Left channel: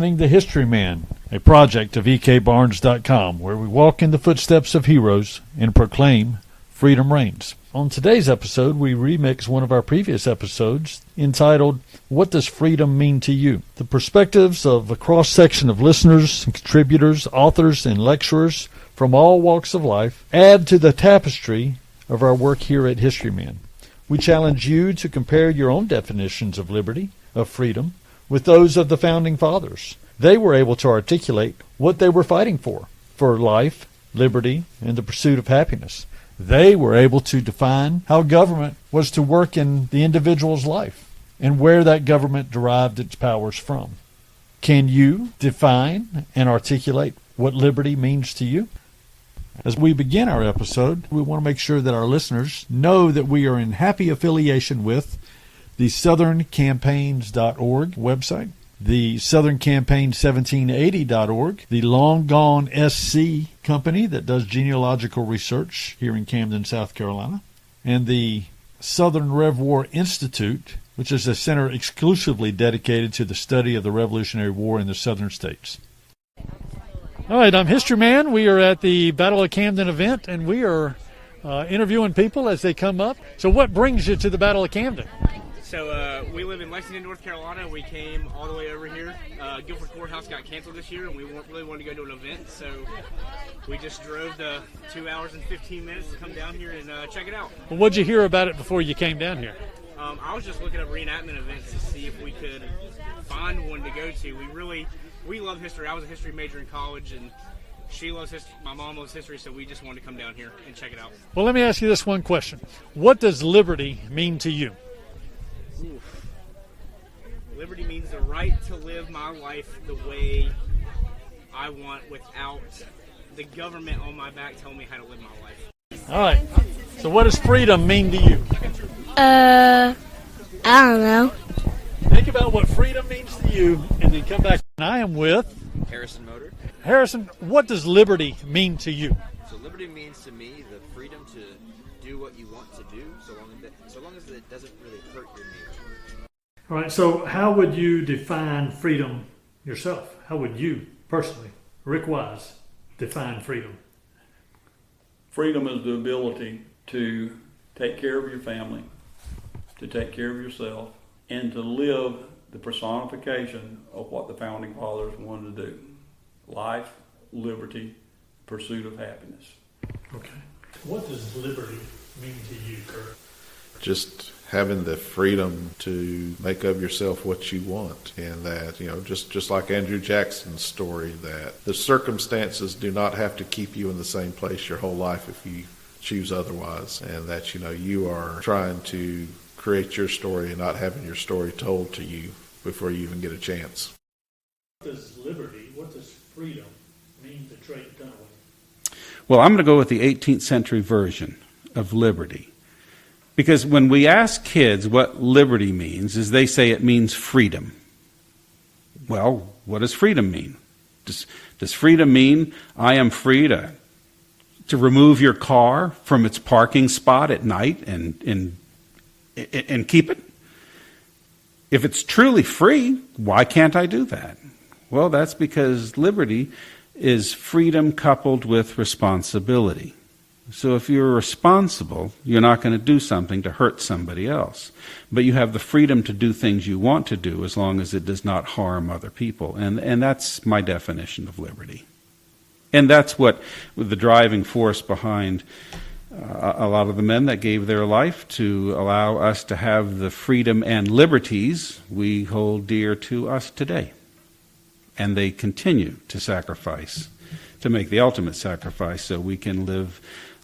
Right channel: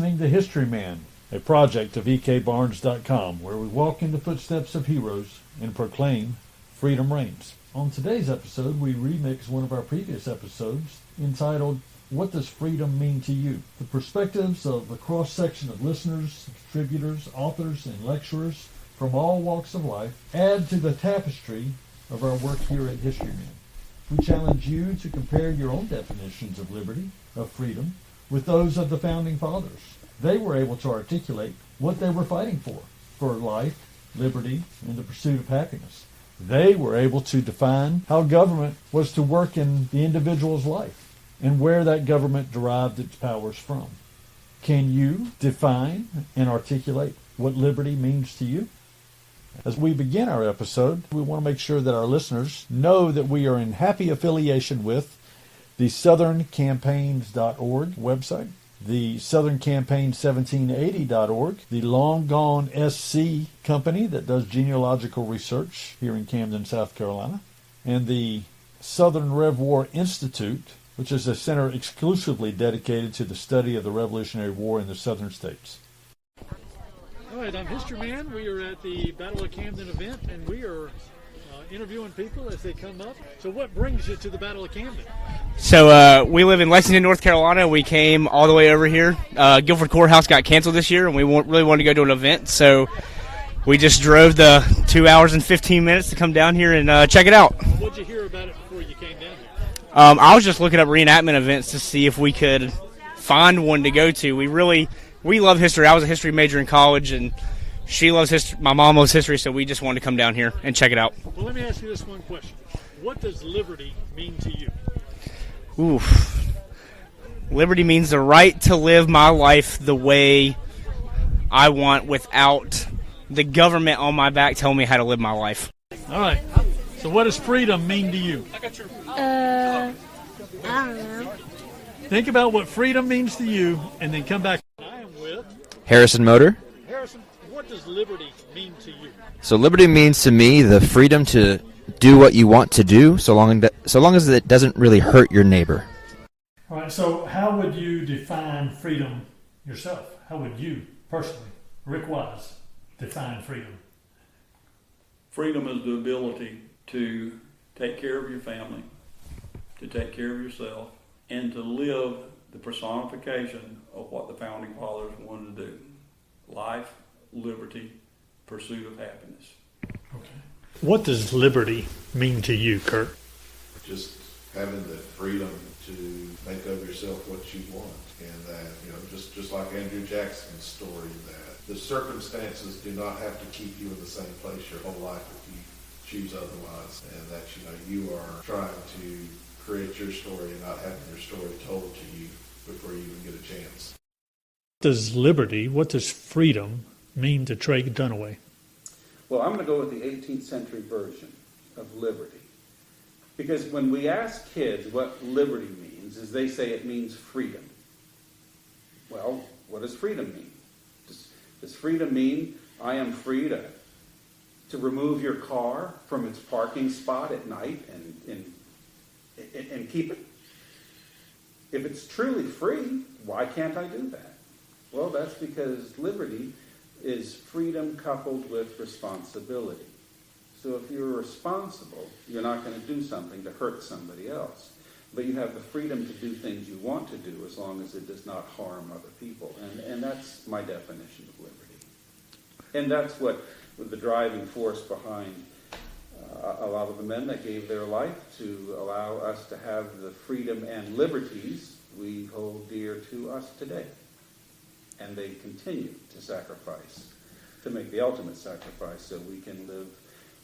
listening to Historyman, a project of ekbarnes.com, where we walk in the footsteps of heroes and proclaim freedom reigns. On today's episode, we remix one of our previous episodes entitled, What Does Freedom Mean to You? The perspectives of a cross-section of listeners, contributors, authors, and lecturers from all walks of life add to the tapestry of our work here at Historyman. We challenge you to compare your own definitions of liberty, of freedom, with those of the Founding Fathers. They were able to articulate what they were fighting for life, liberty, and the pursuit of happiness. They were able to define how government was to work in the individual's life and where that government derived its powers from. Can you define and articulate what liberty means to you? As we begin our episode, we want to make sure that our listeners know that we are in happy affiliation with the southerncampaigns.org website, the southerncampaign1780.org, the Long Gone SC company that does genealogical research here in Camden, South Carolina, and the Southern Rev War Institute, which is a center exclusively dedicated to the study of the Revolutionary War in the southern states. All right, I'm Historyman. We are at the Battle of Camden event, and we are interviewing people as they come up. So what brings you to the Battle of Camden? So we live in Lexington, North Carolina. We came all the way over here. Guilford Courthouse got canceled this year, and we really wanted to go to an event. So we just drove the 2 hours and 15 minutes to come down here and check it out. What'd you hear about it before you came down here? I was just looking up reenactment events to see if we could find one to go to. We love history. I was a history major in college, and she loves history. My mom loves history, so we just wanted to come down here and check it out. Well, let me ask you this one question. What does liberty mean to you? Oof. Liberty means the right to live my life the way I want without the government on my back telling me how to live my life. All right. So what does freedom mean to you? I don't know. Think about what freedom means to you, and then come back. I am with Harrison Motor. Harrison, what does liberty mean to you? So liberty means to me the freedom to do what you want to do, so long as it doesn't really hurt your neighbor. All right, so how would you define freedom yourself? How would you personally, Rick Wise, define freedom? Freedom is the ability to take care of your family, to take care of yourself, and to live the personification of what the Founding Fathers wanted to do. Life, liberty, pursuit of happiness. Okay. What does liberty mean to you, Kurt? Just having the freedom to make of yourself what you want, and that, just like Andrew Jackson's story, that the circumstances do not have to keep you in the same place your whole life if you choose otherwise, and that, you are trying to create your story and not having your story told to you before you even get a chance. What does freedom mean to Trey Dunaway? Well, I'm going to go with the 18th century version of liberty. Because when we ask kids what liberty means, is they say it means freedom. Well, what does freedom mean? Does freedom mean I am free to remove your car from its parking spot at night and keep it? If it's truly free, why can't I do that? Well, that's because liberty is freedom coupled with responsibility. So if you're responsible, you're not going to do something to hurt somebody else. But you have the freedom to do things you want to do as long as it does not harm other people. And that's my definition of liberty. And that's what the driving force behind a lot of the men that gave their life to allow us to have the freedom and liberties we hold dear to us today. And they continue to sacrifice, to make the ultimate sacrifice so we can live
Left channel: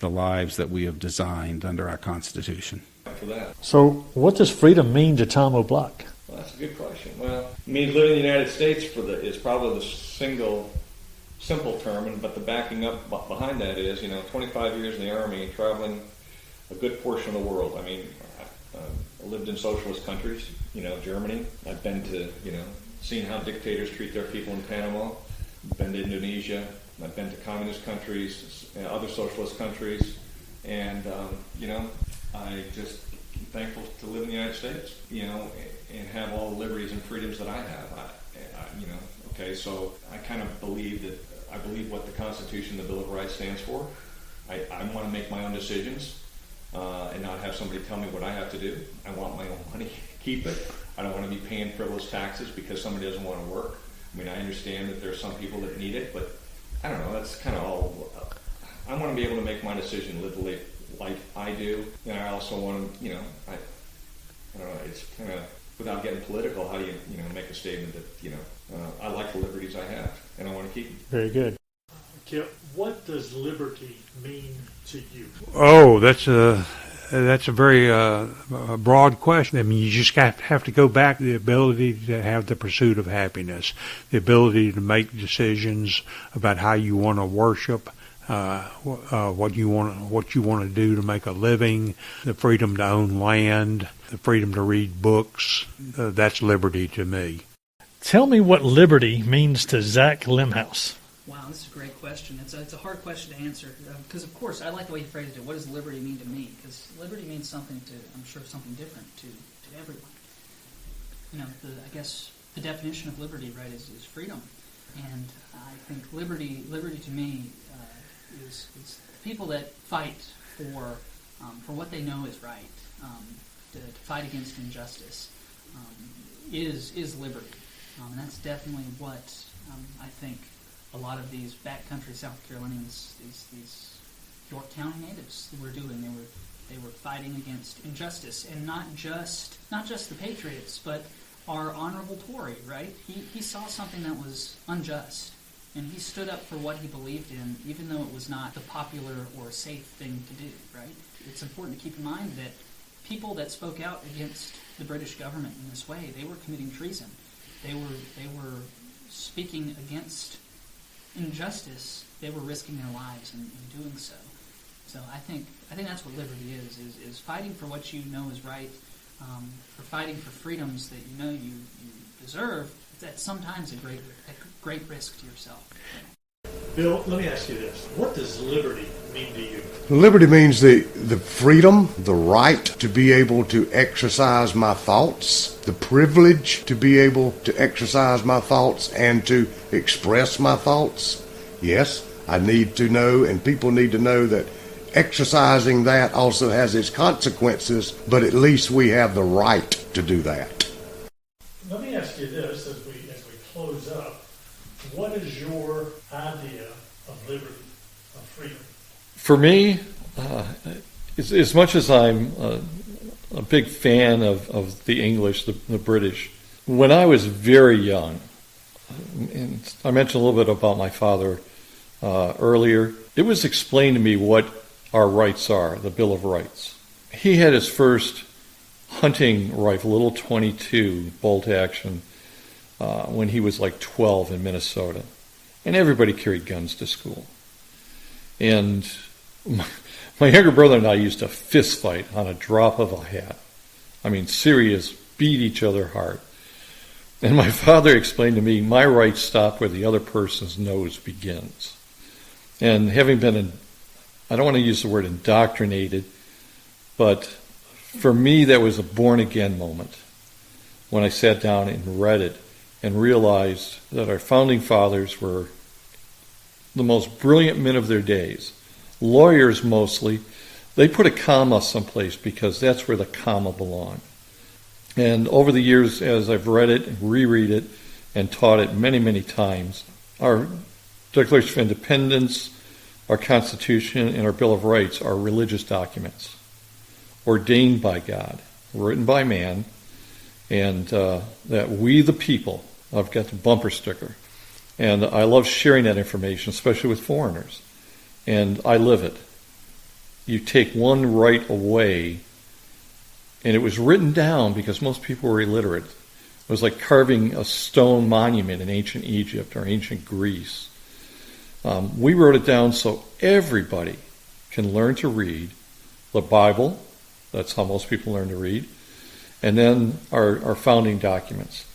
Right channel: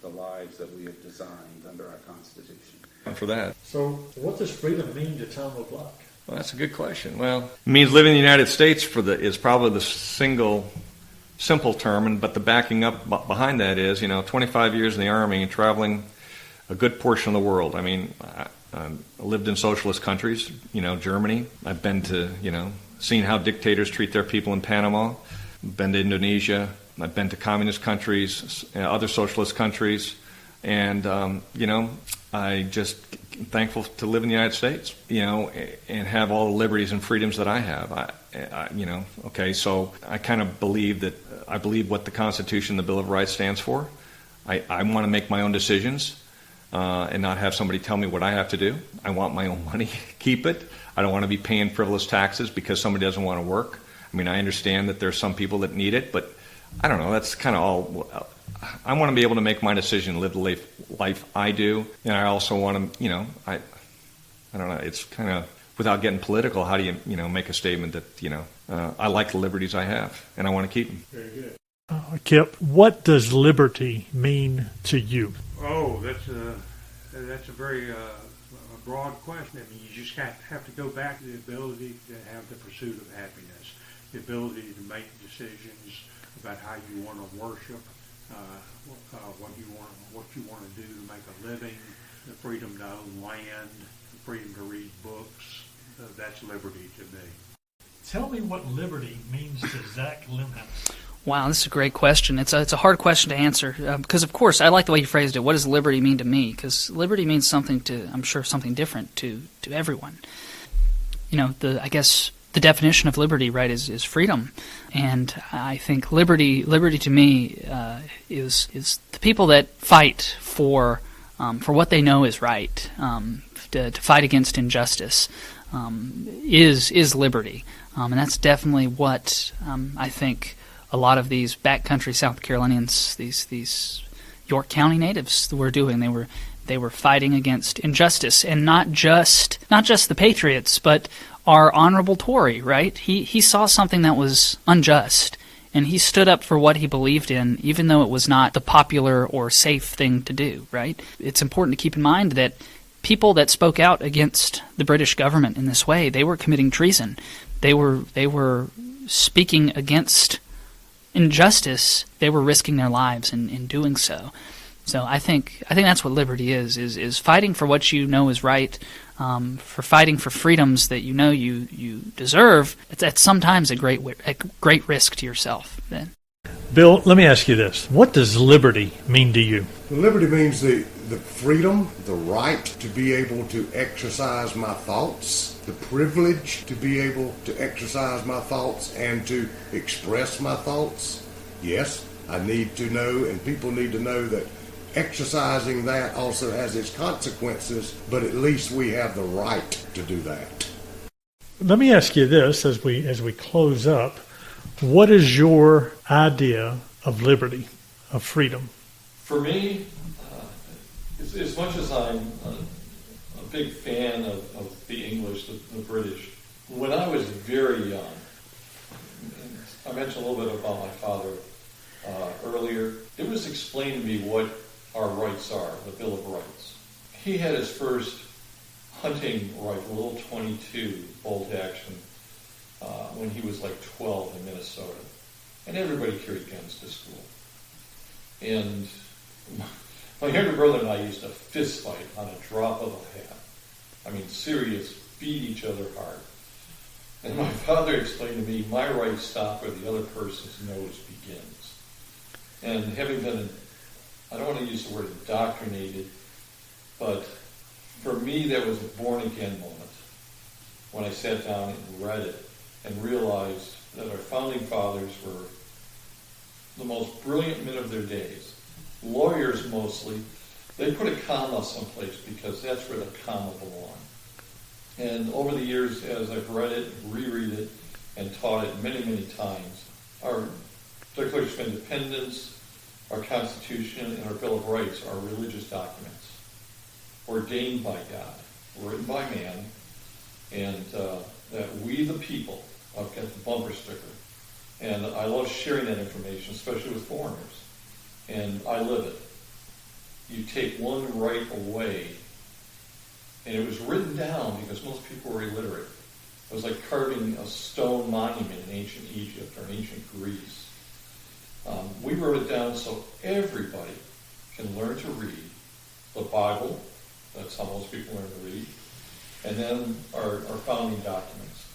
the lives that we have designed under our Constitution. For that. So what does freedom mean to Tom O'Block? Well, that's a good question. Well, it means living in the United States is probably the simple term, but the backing up behind that is, 25 years in the Army and traveling a good portion of the world. I mean, I lived in socialist countries, Germany. I've been to, seen how dictators treat their people in Panama. Been to Indonesia. I've been to communist countries, other socialist countries. And, I just thankful to live in the United States, and have all the liberties and freedoms that I have. Okay, so I kind of believe what the Constitution, the Bill of Rights stands for. I want to make my own decisions and not have somebody tell me what I have to do. I want my own money, keep it. I don't want to be paying frivolous taxes because somebody doesn't want to work. I mean, I understand that there's some people that need it, but I don't know. That's kind of all. I want to be able to make my decision, live the life I do, and I also want to, I don't know. It's kind of, without getting political, how do you, make a statement that, I like the liberties I have and I want to keep them. Very good. Kip, what does liberty mean to you? Oh, that's a very broad question. I mean, you just have to go back to the ability to have the pursuit of happiness, the ability to make decisions about how you want to worship, what you want to do to make a living, the freedom to own land, the freedom to read books. That's liberty to me. Tell me what liberty means to Zach Limhouse. Wow, this is a great question. It's a hard question to answer because, of course, I like the way you phrased it. What does liberty mean to me? Because liberty means something something different to everyone. I guess the definition of liberty, right, is freedom, and I think liberty to me is the people that fight for what they know is right, to fight against injustice, is liberty, and that's definitely what I think a lot of these backcountry South Carolinians, these York County natives, were doing. They were fighting against injustice, and not just the Patriots, but our honorable Tory. Right? He saw something that was unjust, and he stood up for what he believed in, even though it was not the popular or safe thing to do. Right? It's important to keep in mind that people that spoke out against the British government in this way, they were committing treason. They were speaking against injustice. They were risking their lives in doing so. So I think that's what liberty is fighting for what you know is right, for fighting for freedoms that you know you deserve. It's sometimes a great risk to yourself. Bill, let me ask you this. What does liberty mean to you? Liberty means the freedom, the right to be able to exercise my thoughts, the privilege to be able to exercise my thoughts and to express my thoughts. Yes, I need to know, and people need to know, that exercising that also has its consequences, but at least we have the right to do that. Let me ask you this as we close up. What is your idea of liberty, of freedom? For me, as much as I'm a big fan of the English, the British, when I was very young, and I mentioned a little bit about my father earlier, it was explained to me what our rights are, the Bill of Rights. He had his first hunting rifle, little .22 bolt action, when he was like 12 in Minnesota. And everybody carried guns to school. And my younger brother and I used to fist fight on a drop of a hat. I mean, serious, beat each other hard. And my father explained to me, my rights stop where the other person's nose begins. And having been, I don't want to use the word indoctrinated, but for me that was a born-again moment when I sat down and read it and realized that our founding fathers were the most brilliant men of their days. Lawyers mostly. They put a comma someplace because that's where the comma belonged. And over the years, as I've read it and reread it and taught it many, many times, our Declaration of Independence, our Constitution, and our Bill of Rights are religious documents ordained by God, written by man, and that we the people, I've got the bumper sticker, and I love sharing that information, especially with foreigners, and I live it. You take one right away, and it was written down because most people were illiterate. It was like carving a stone monument in ancient Egypt or ancient Greece. We wrote it down so everybody can learn to read the Bible. That's how most people learn to read. And then our founding documents.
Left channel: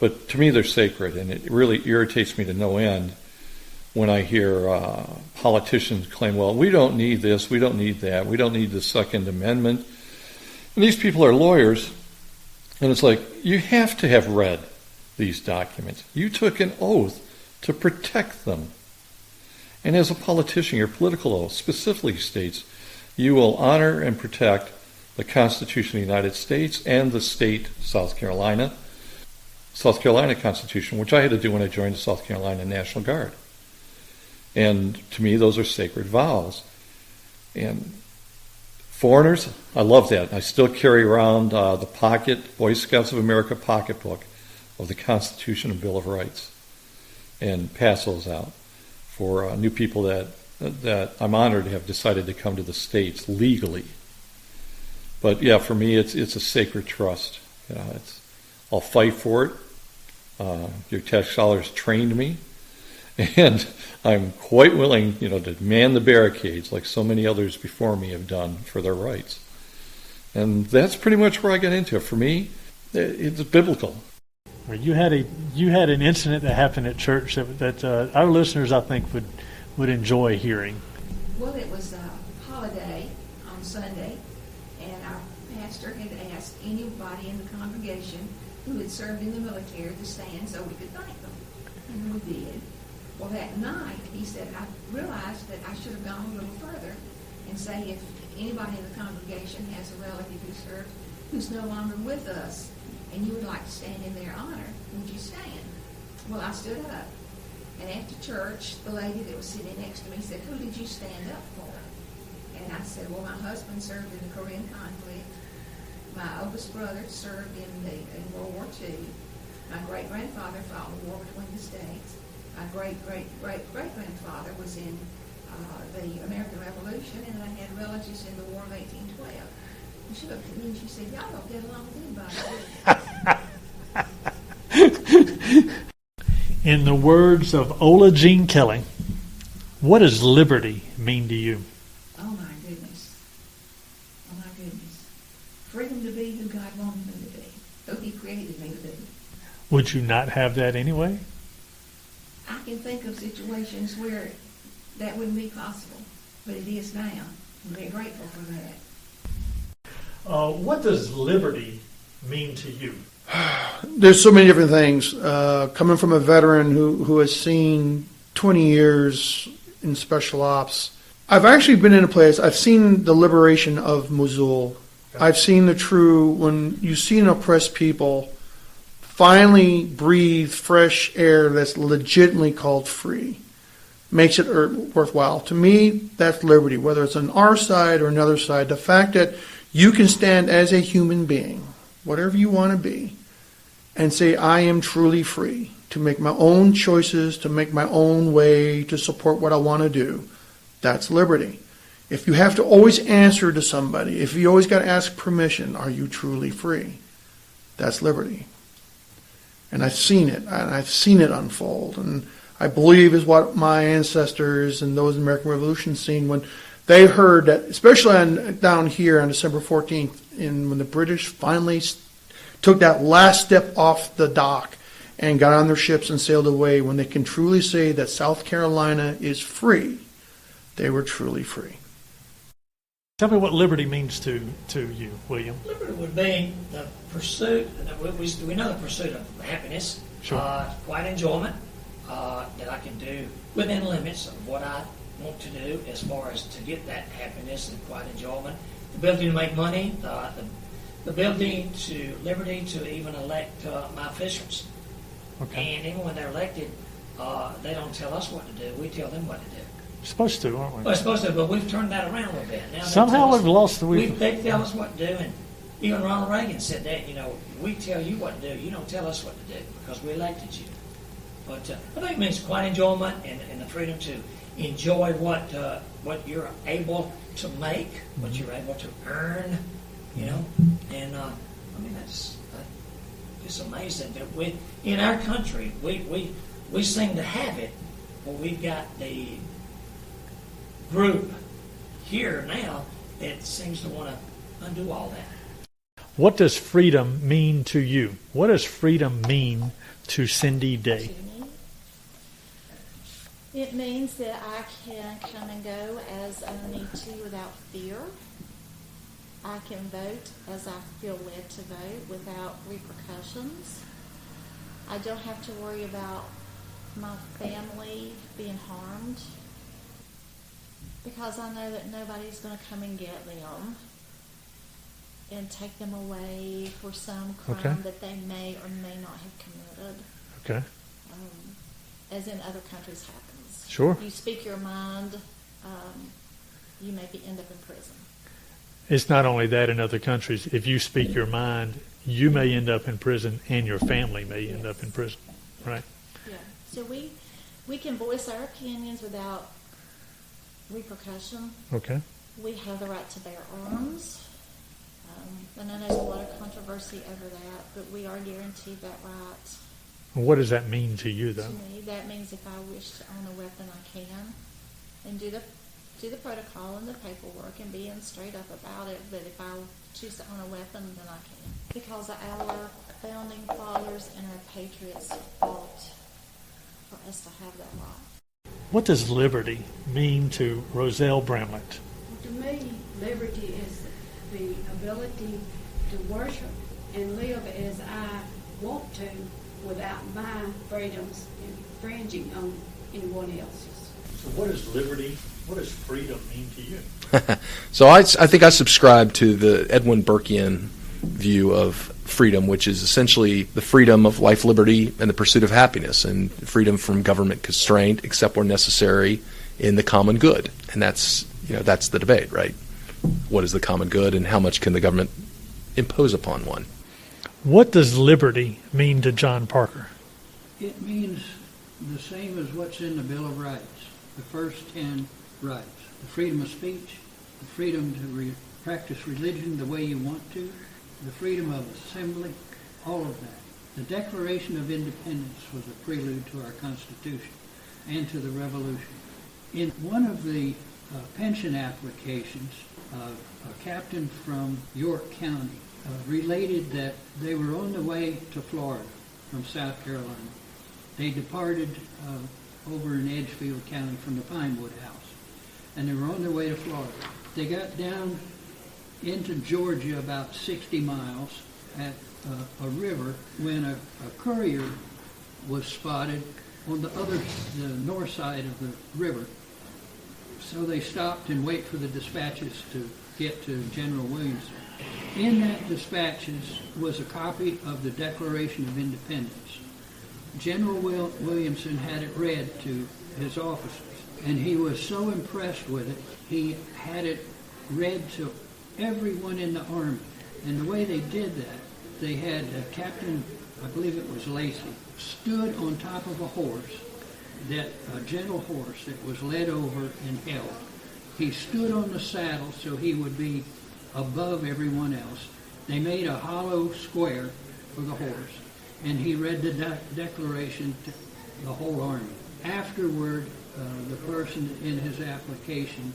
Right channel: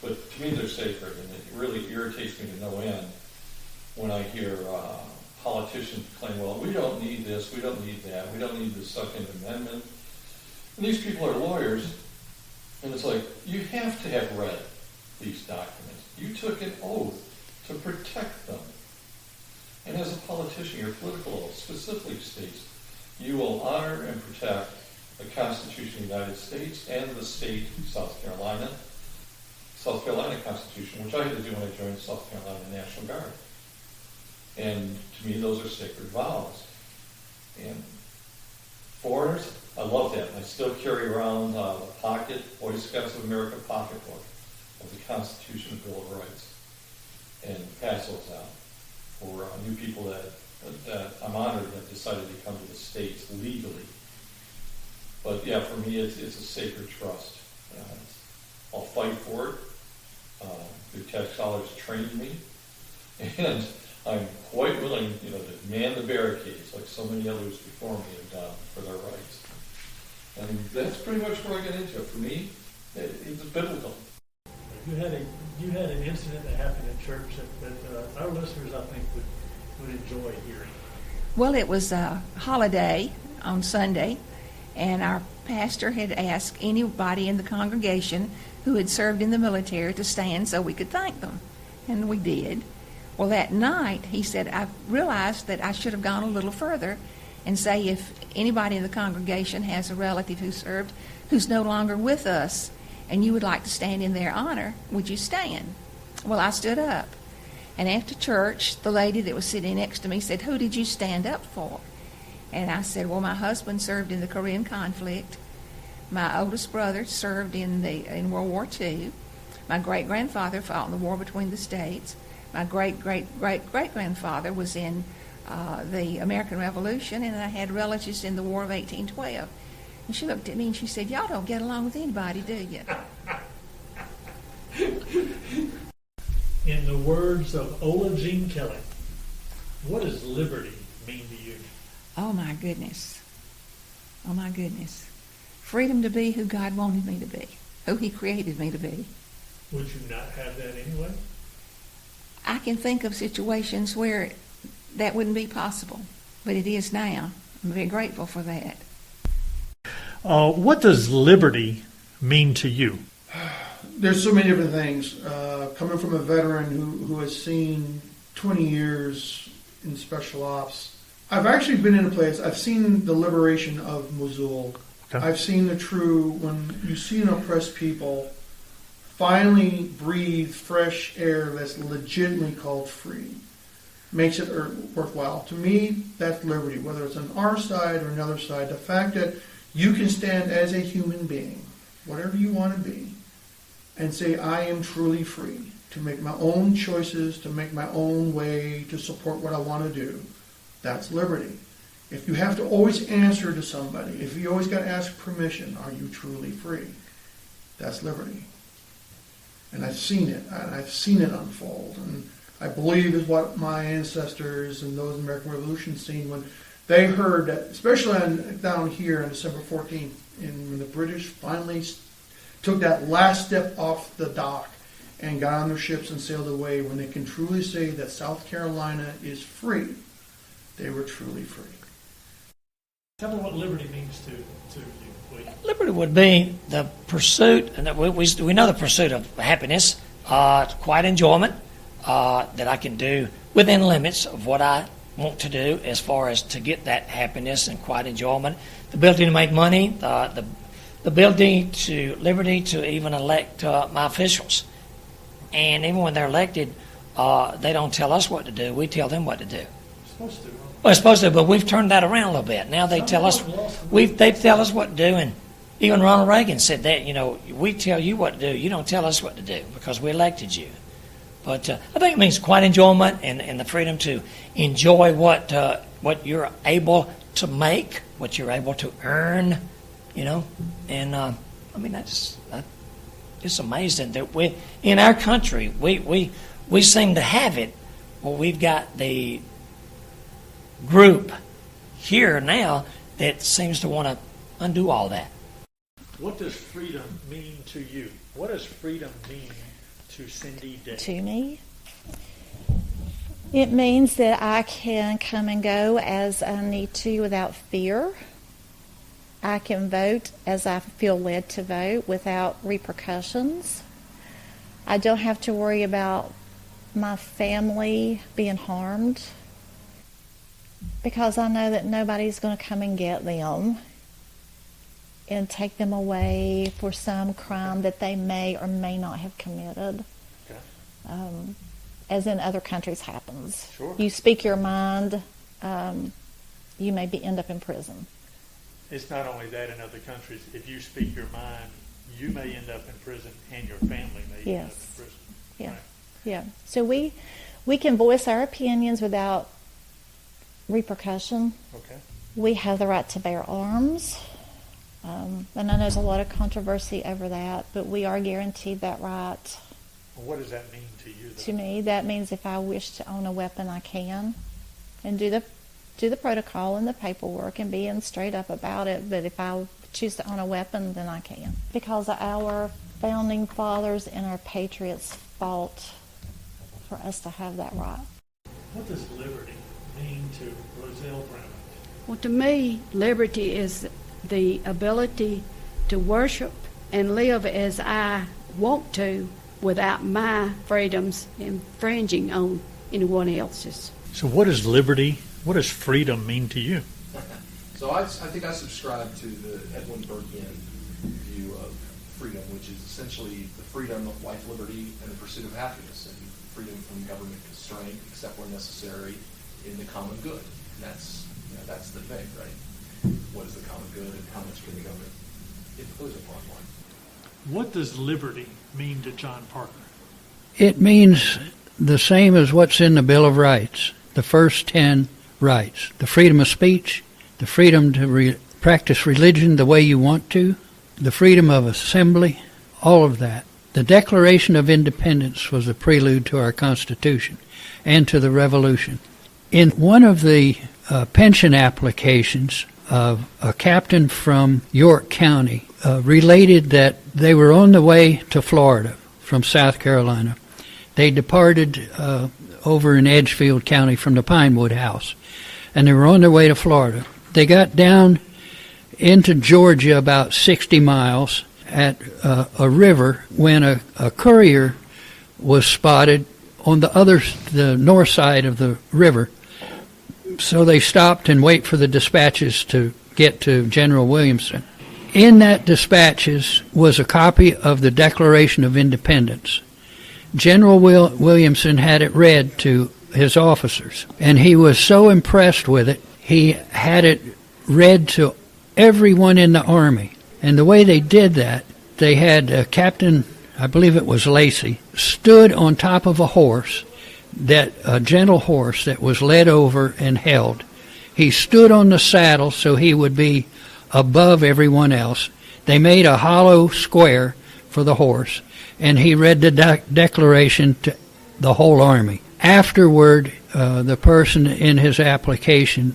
But to me, they're sacred, and it really irritates me to no end when I hear politicians claim, well, we don't need this, we don't need that, we don't need the Second Amendment. And these people are lawyers, and it's like, you have to have read these documents. You took an oath to protect them. And as a politician, your political oath specifically states you will honor and protect the Constitution of the United States and the state of South Carolina Constitution, which I had to do when I joined the South Carolina National Guard. And to me, those are sacred vows. And foreigners, I love that. I still carry around the Boy Scouts of America pocketbook of the Constitution and Bill of Rights, and pass those out for new people that I'm honored to have decided to come to the States legally. But yeah, for me, it's a sacred trust. I'll fight for it. Your tax dollars trained me, and I'm quite willing, to man the barricades like so many others before me have done for their rights. And that's pretty much where I got into it. For me, it's biblical. Well, you had an incident that happened at church that our listeners, I think, would enjoy hearing. Well, it was a holiday on Sunday, and our pastor had asked anybody in the congregation who had served in the military to stand so we could thank them, and we did. Well, that night, he said, I realized that I should have gone a little further and say if anybody in the congregation has a relative who served who's no longer with us and you would like to stand in their honor, would you stand? Well, I stood up. And after church, the lady that was sitting next to me said, who did you stand up for? And I said, well, my husband served in the Korean conflict. My oldest brother served in World War II. My great-grandfather fought in the war between the states. My great-great-great-great-grandfather was in the American Revolution, and I had relatives in the War of 1812. And she looked at me and she said, y'all don't get along with anybody, do you? In the words of Ola Jean Kelly, what does liberty mean to you? Oh, my goodness. Oh, my goodness. Freedom to be who God wanted me to be, who He created me to be. Would you not have that anyway? I can think of situations where that wouldn't be possible, but it is now. I'm very grateful for that. What does liberty mean to you? There's so many different things. Coming from a veteran who has seen 20 years in special ops, I've actually been in a place, I've seen the liberation of Mosul. Okay. I've seen when you see an oppressed people finally breathe fresh air that's legitimately called free, makes it worthwhile. To me, that's liberty, whether it's on our side or another side. The fact that you can stand as a human being, whatever you want to be, and say, I am truly free to make my own choices, to make my own way, to support what I want to do. That's liberty. If you have to always answer to somebody, if you always got to ask permission, are you truly free? That's liberty. And I've seen it unfold. And I believe is what my ancestors and those in the American Revolution seen when they heard that, especially down here on December 14th, when the British finally took that last step off the dock and got on their ships and sailed away, when they can truly say that South Carolina is free, they were truly free. Tell me what liberty means to you, William. Liberty would be the pursuit, and we know the pursuit of happiness, sure. Quiet enjoyment that I can do within limits of what I want to do as far as to get that happiness and quiet enjoyment, the ability to make money, the ability to liberty to even elect my officials. Okay. And even when they're elected, they don't tell us what to do. We tell them what to do. We're supposed to, aren't we? We're supposed to, but we've turned that around a little bit. Now they tell us they tell us what to do, and even Ronald Reagan said that. We tell you what to do. You don't tell us what to do because we elected you. But I think it means quiet enjoyment and the freedom to enjoy what you're able to make, what you're able to earn, And I mean that's it's amazing that we in our country we seem to have it. Well, we've got the group here now that seems to want to undo all that. What does freedom mean to you? What does freedom mean to Cindy Day? To me, it means that I can come and go as I need to without fear. I can vote as I feel led to vote without repercussions. I don't have to worry about my family being harmed because I know that nobody's going to come and get them and take them away for some crime that they may or may not have committed. Okay. As in other countries happens. Sure. You speak your mind, you may end up in prison. It's not only that in other countries. If you speak your mind, you may end up in prison and your family may end up in prison. Yeah. Right? Yeah. So we can voice our opinions without repercussion. Okay. We have the right to bear arms. And I know there's a lot of controversy over that, but we are guaranteed that right. What does that mean to you, though? To me, that means if I wish to own a weapon, I can, and do the protocol and the paperwork and being straight up about it. But if I choose to own a weapon, then I can, because our founding fathers and our patriots fought for us to have that right. What does liberty mean to Roselle Bramlett? Well, to me, liberty is the ability to worship and live as I want to without my freedoms infringing on anyone else's. So what is liberty, what does freedom mean to you? So I think I subscribe to the Edwin Burkean view of freedom, which is essentially the freedom of life, liberty, and the pursuit of happiness, and freedom from government constraint, except where necessary, in the common good. And that's the debate, right? What is the common good, and how much can the government impose upon one? What does liberty mean to John Parker? It means the same as what's in the Bill of Rights, the first 10 rights. The freedom of speech, the freedom to practice religion the way you want to, the freedom of assembly, all of that. The Declaration of Independence was a prelude to our Constitution and to the Revolution. In one of the pension applications, a captain from York County related that they were on the way to Florida from South Carolina. They departed over in Edgefield County from the Pinewood House, and they were on their way to Florida. They got down into Georgia about 60 miles at a river when a courier was spotted on the north side of the river. So they stopped and wait for the dispatches to get to General Williamson. In that dispatches was a copy of the Declaration of Independence. General Williamson had it read to his officers, and he was so impressed with it, he had it read to everyone in the Army. And the way they did that, they had Captain, I believe it was Lacey, stood on top of a horse, a gentle horse that was led over and held. He stood on the saddle so he would be above everyone else. They made a hollow square for the horse, and he read the declaration to the whole Army. Afterward, the person in his application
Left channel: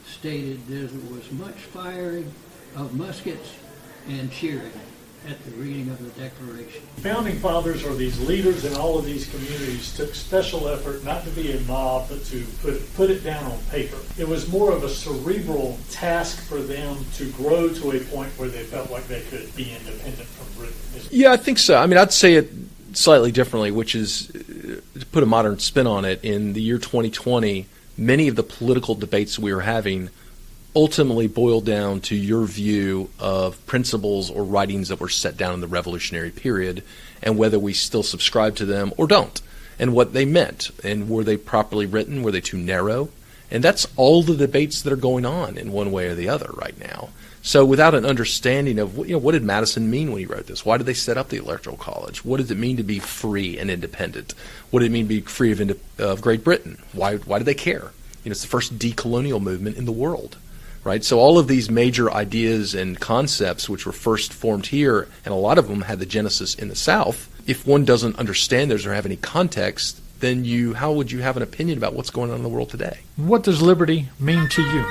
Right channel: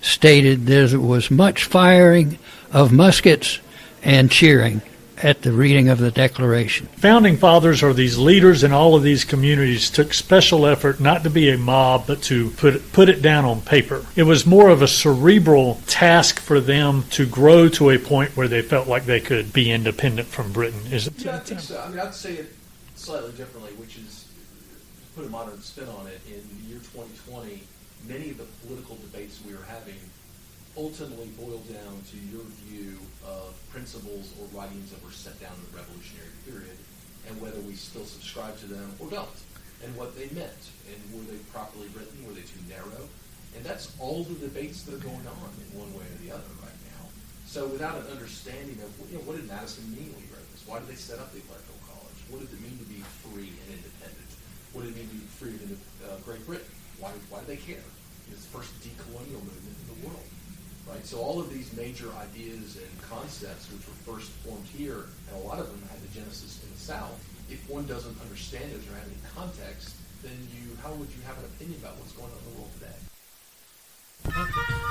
stated there was much firing of muskets and cheering at the reading of the Declaration. Founding Fathers, or these leaders in all of these communities, took special effort not to be a mob, but to put it down on paper. It was more of a cerebral task for them to grow to a point where they felt like they could be independent from Britain. Yeah, I think so. I mean, I'd say it slightly differently, which is, to put a modern spin on it, in the year 2020, many of the political debates we were having ultimately boiled down to your view of principles or writings that were set down in the Revolutionary period, and whether we still subscribe to them or don't, and what they meant, and were they properly written, were they too narrow? And that's all the debates that are going on in one way or the other right now. So without an understanding of, what did Madison mean when he wrote this? Why did they set up the Electoral College? What does it mean to be free and independent? What did it mean to be free of Great Britain? Why did they care? It's the first decolonial movement in the world. Right, so all of these major ideas and concepts which were first formed here, and a lot of them had the genesis in the South, if one doesn't understand those or have any context, then how would you have an opinion about what's going on in the world today? What does liberty mean to you?